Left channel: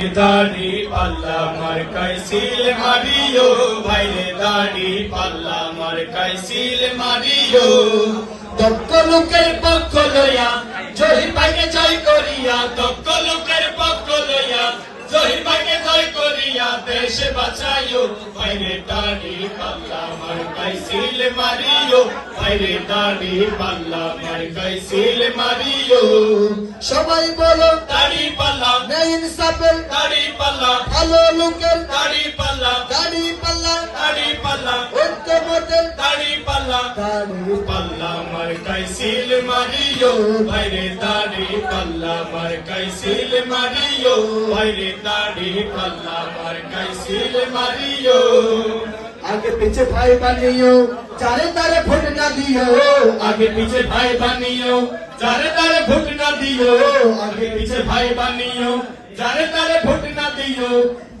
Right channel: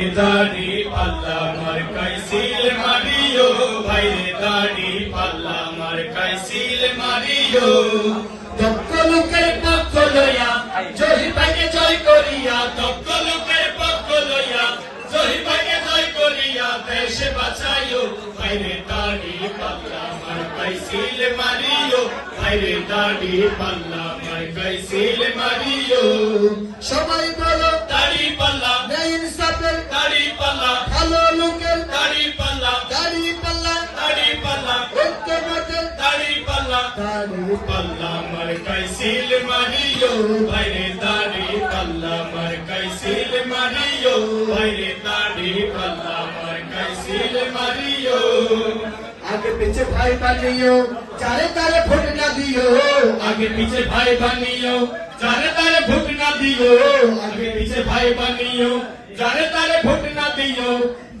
দাড়ি পাল্লা মার কাইসিল মারিও ভাইরে দাড়ি পাল্লা মার কাইসিল মারিও দক্ষ লোকের পক্ষ লইয়া জয় ভাইকে জয় করিয়া দক্ষ লোকের পক্ষ লইয়া জয় ভাইকে জয় করিয়া দেশ বাঁচাইও ভাইরে দাড়ি পাল্লা মার কাইসিল মারিও ভাইরে দাড়ি পাল্লা মার কাইসিল মারিও সবাই বলো দাড়ি পাল্লা নেই ইনসাফের দাড়ি পাল্লা ভালো লোকের দাড়ি পাল্লা দাড়ি পাল্লা দাড়ি পাল্লা ঐক্যমতের দাড়ি পাল্লা দাড়ি পাল্লা মার কাইসিল মারিও ভাইরে দাড়ি পাল্লা মার কাইসিল মারিও ভাইরে দাড়ি পাল্লা মার কাইসিল মারিও আগে পিছে ভাই বানিও চারে তারে ভোট না দিও আগে পিছে ভাই বানিও যারে তারে ভোট না দিও আগে পিছে ভাই বানিও যারে তারে ভোট না দিও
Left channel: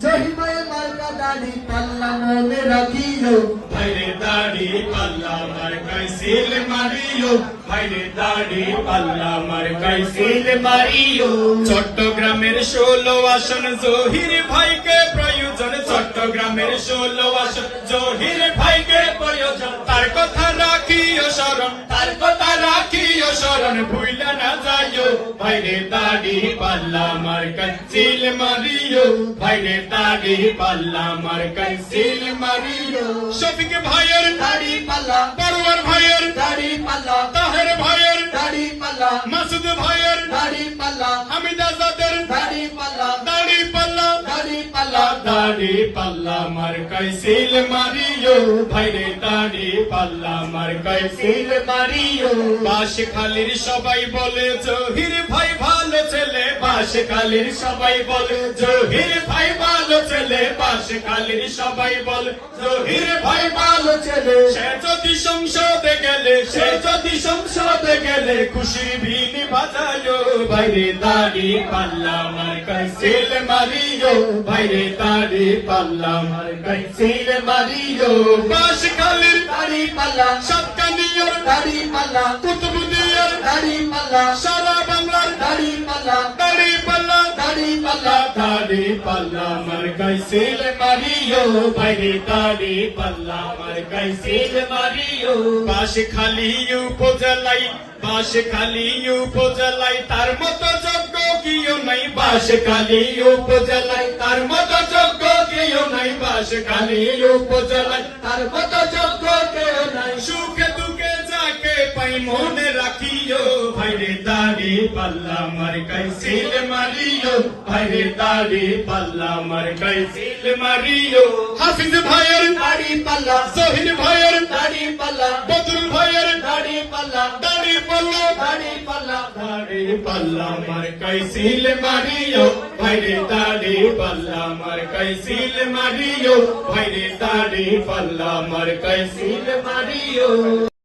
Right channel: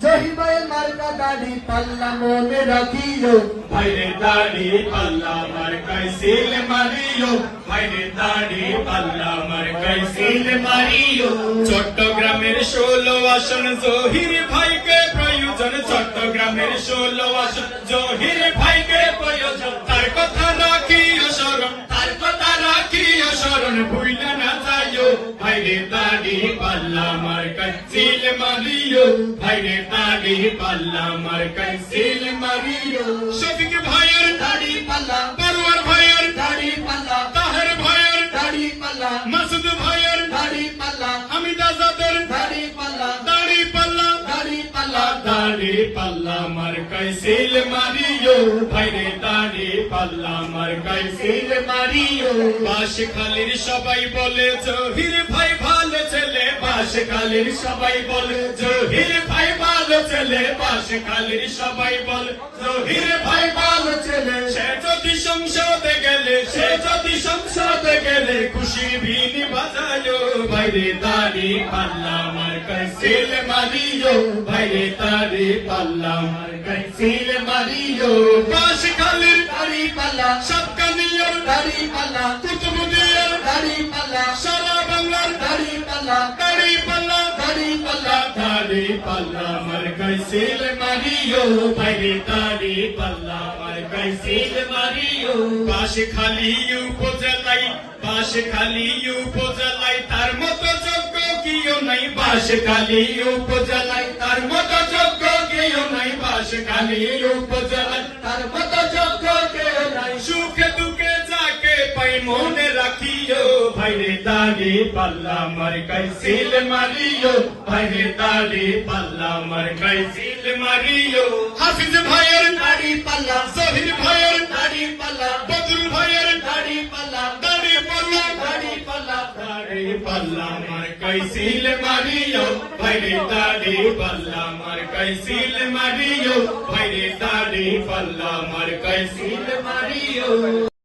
জহিমায় মার্কা দাড়ি পাল্লা মনে রাখিও ভাইরে দাড়ি পাল্লা মার কাইসিল মারিও ভাইরে দাড়ি পাল্লা মার কাইসিল মারিও চট্টগ্রামের 16 আসন জহির ভাইকে প্রয়োজন চট্টগ্রামের 16 আসন জহির ভাইকে প্রয়োজন তার কথা রাখিও স্মরণ তার কথা রাখিও স্মরণ ভুইলা না যাইও ভাইরে দাড়ি পাল্লা মার কাইসিল মারিও ভাইরে দাড়ি পাল্লা মার কাইসিল মারিও শফিক ভাইয়ের দাড়ি পাল্লা পারওয়ার ভাইয়ের দাড়ি পাল্লা তাহের ভাইয়ের দাড়ি পাল্লা মাসুদ ভাইয়ের দাড়ি পাল্লা হামিদ আজাদের দাড়ি পাল্লা দাড়ি পাল্লা দাড়ি পাল্লা দাড়ি পাল্লা মার কাইসিল মারিও ভাইরে দাড়ি পাল্লা মার কাইসিল মারিও বাঁশখালীর সবাই বলে জহির ভাই ভালো ছেলে বাঁশখালীর সবাই বলে জহির ভাই ভালো ছেলে বাঁশখালীর সবাই বলে জহির ভাই ভালো ছেলে সে যদি সংসদে গেলে সে যদি সংসদে গেলে খুশির বিনি বাজালো ভাইরে দাড়ি পাল্লা মার কাইসিল মারিও ভাইরে দাড়ি পাল্লা মার কাইসিল মারিও বাঁশখালীর দাড়ি পাল্লা সাতকানিয়ার দাড়ি পাল্লা কুতুবদিয়ার দাড়ি পাল্লা সারা বাংলার দাড়ি পাল্লা দাড়ি পাল্লা দাড়ি পাল্লা দাড়ি পাল্লা মার কাইসিল মারিও ভাইরে দাড়ি পাল্লা মার কাইসিল মারিও বাঁশখালী উপজেলায় বাঁশখালী উপজেলায় তার মতো যোগ্য কেউ নাই বাঁশখালী উপজেলায় তার মতো যোগ্য কেউ নাই বাঁশখালী উপজেলায় তার মতো যোগ্য কেউ নাই সুখে দুঃখে যাকে পাই মনে রাখিও ভাইরে দাড়ি পাল্লা মার কাইসিল মারিও ভাইরে দাড়ি পাল্লা মার কাইসিল মারিও হাফিজ ভাইয়ের দাড়ি পাল্লা শহীদ ভাইয়ের দাড়ি পাল্লা বদরুল ভাইয়ের দাড়ি পাল্লা দাড়ি পাল্লা দাড়ি পাল্লা দাড়ি পাল্লা মার কাইসিল মারিও ভাইরে দাড়ি পাল্লা মার কাইসিল মারিও ভাইরে দাড়ি পাল্লা মার কাইসিল মারিও